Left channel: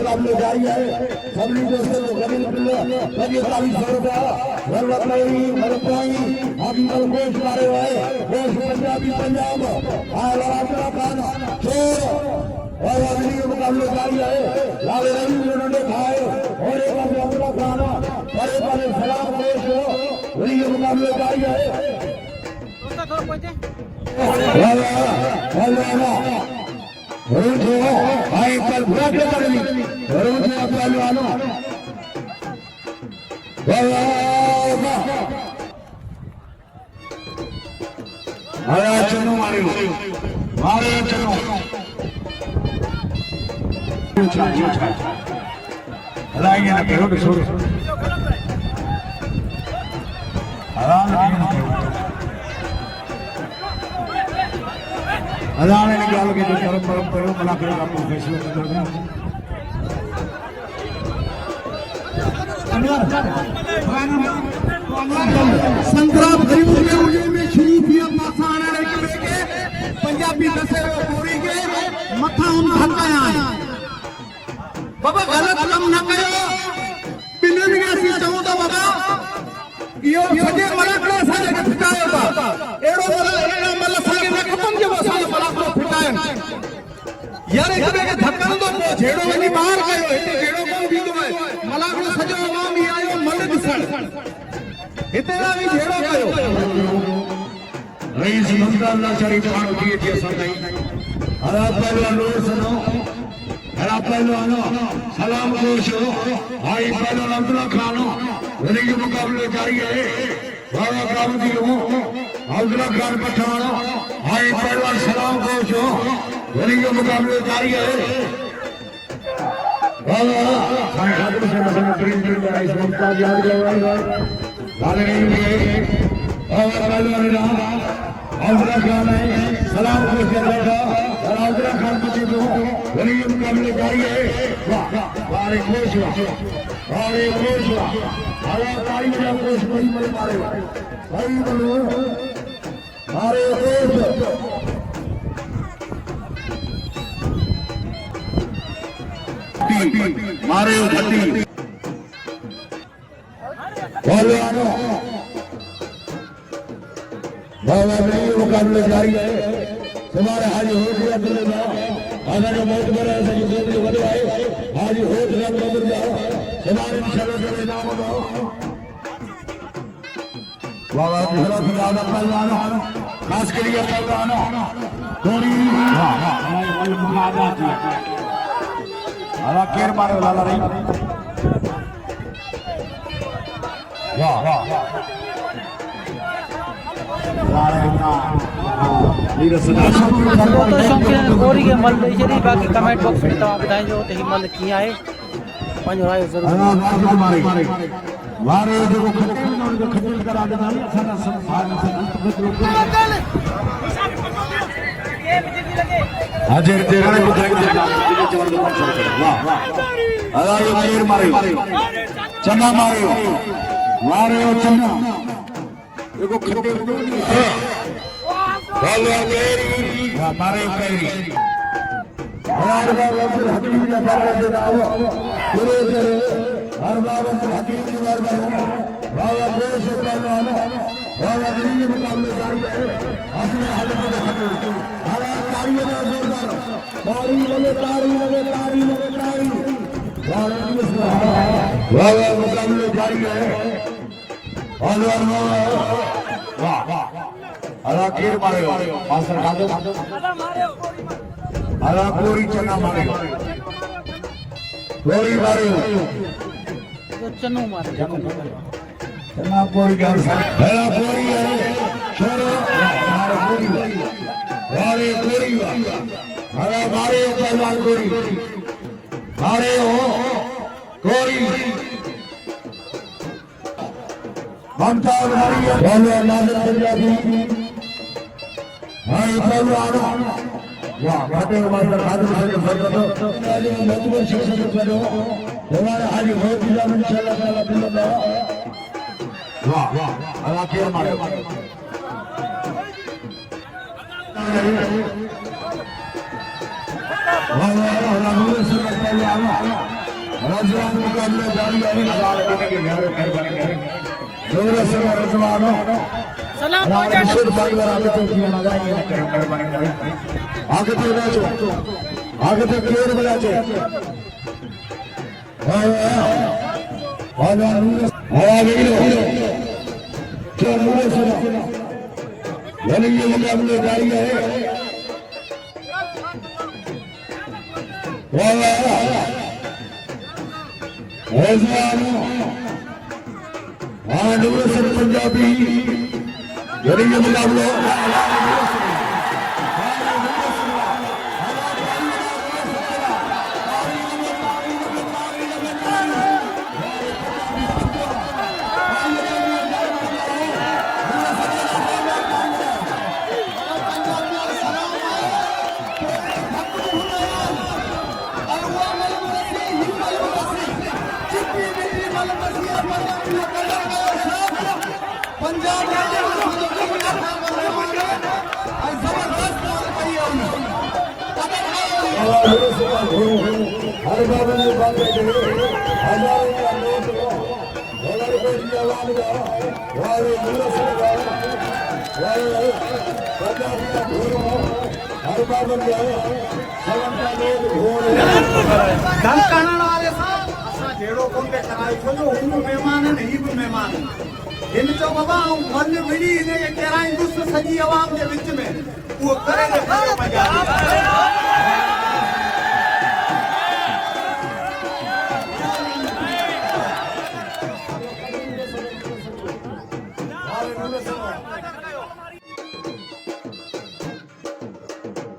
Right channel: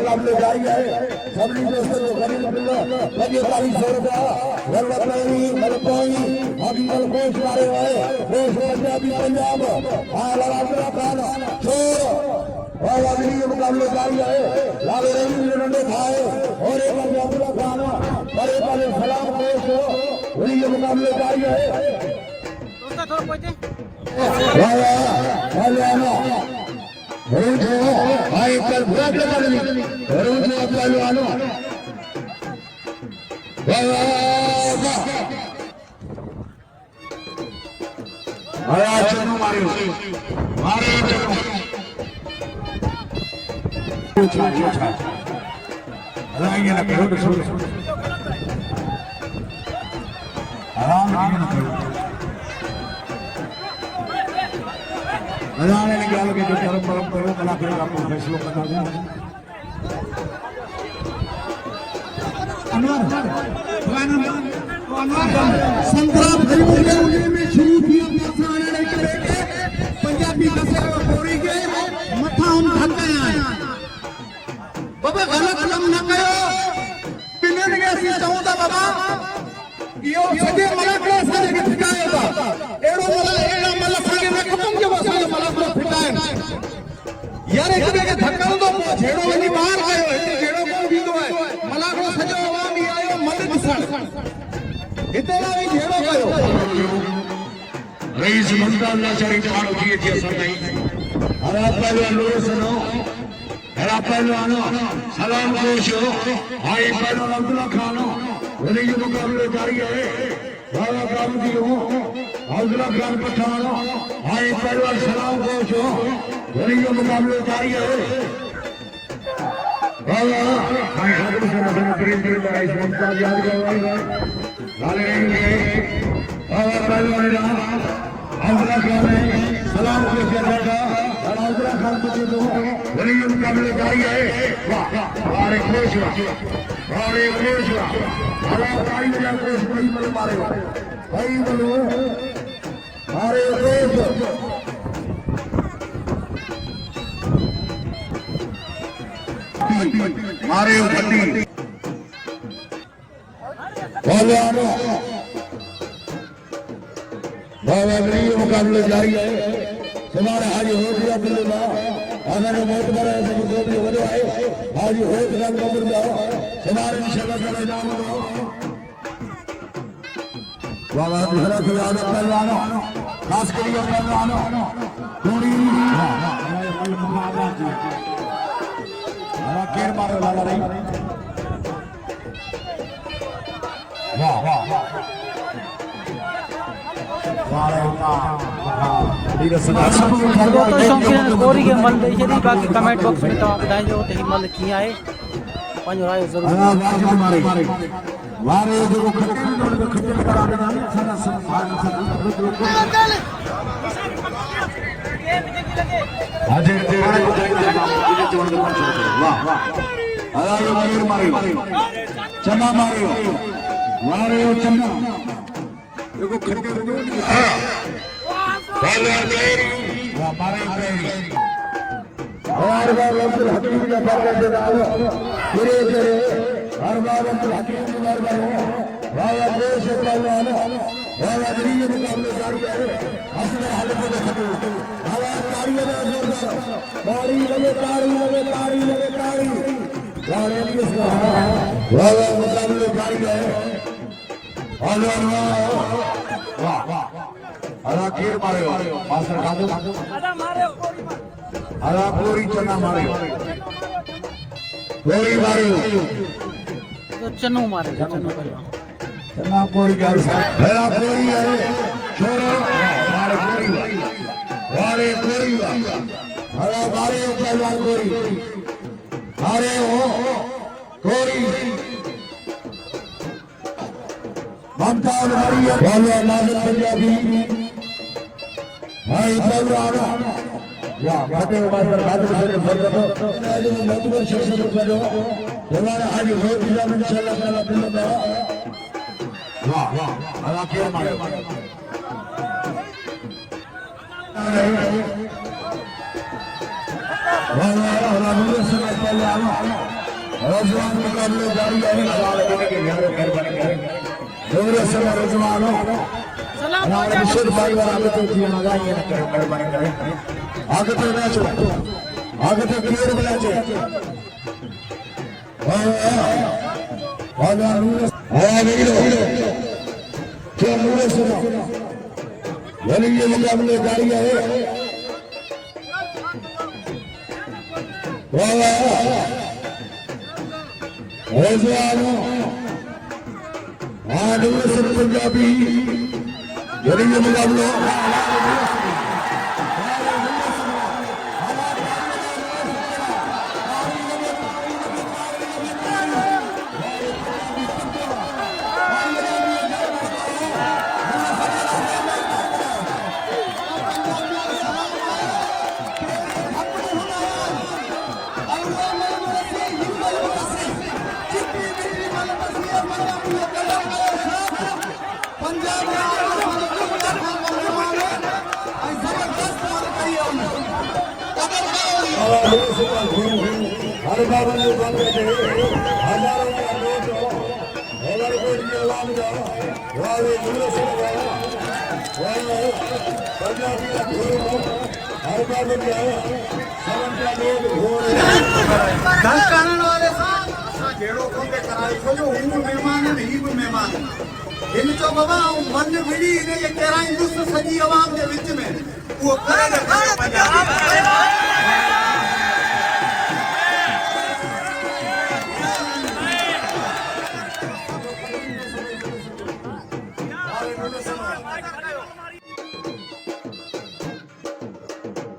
मुकाबले जारी है पंजाबी मथा बाबा गलत कम न करो यो सजे मलाको सारे के फिटायो था एड़ो मला मला सारे ने खत्म जे सारे मलाको फिटायो यार एक के धक्का दो छेड़ो वनी बाहर आयो है छेड़ो को बीतो है मलाको सजे आवामी आयो मल गुस्सा इतना भी छेड़ो कयो रईस मंदाला चारी जवान किए थे सनाई हरा पहलवान सुनो हरा पहलवान सलाम कोशो हाई पहलवान अब्दुल्ला खान मेरे के मुकाबले जारी है बाबा गांधी हो अब्दुल्ला खान पठान हाई पहलवान सलाम कोशो मेरे के मुकाबले जारी है बाबा हाई हाथ में नजर प्रेम की लड़ाई संस्था याद करवाएगा लाले रहेंगे बाबा पहलवान अब्दुल्ला खान सलाम कोशो लगा और अब्दुल्ला खान पठान मेरे के मुकाबले जारी है वाह वाह कोशो अरे कोशो अरे भाई जाते भाई मेरे मारे भाई बोलो अरे कोशो मारे जल्दी बोलो आनो बाबा मेरे मुकाबले जारी है तुम्हारे हाजी हो गया बोलेगा अगर मौत बड़ा है तो जो भी हो जाए हाजी हो गया बोलेगा तुम्हारे निशाना का इनाम दो बाबा दूसरा खिलाड़ा पहलवान खास करिए पहलवान थोड़ी हरा केर मारे वाला रे वाह वाह तो शौक़ीन गोरी के मल ॾेई छॾी बाक़ी कमेंट बॉक्स में तव्हां ॿुधाइजो त हीउ मल कीअं आहे पंहिंजो राय ज़रूरु चना मारियो मारियो चना पूरी चना मारियो गोली मारियो तो चनो मारे चना कोई गल है पूरी है छोरो मारे पूरी मारे पूरी हरा मारे पहलवान गोरी मारे हो गोरी बनता मारी है पहलवान नाज़िर पंजाबी हाय पहलवान वाह फतेह मास्टर हाजिर से फरमातो नाज़िर मोहम्मद शेख करो हमारे आगे हो दिया इंशाल्लाह ताला बिल्लाह वाह वाह हरा केर मारे पंजाबी मेहमान इन तो बाबा वन विड़ी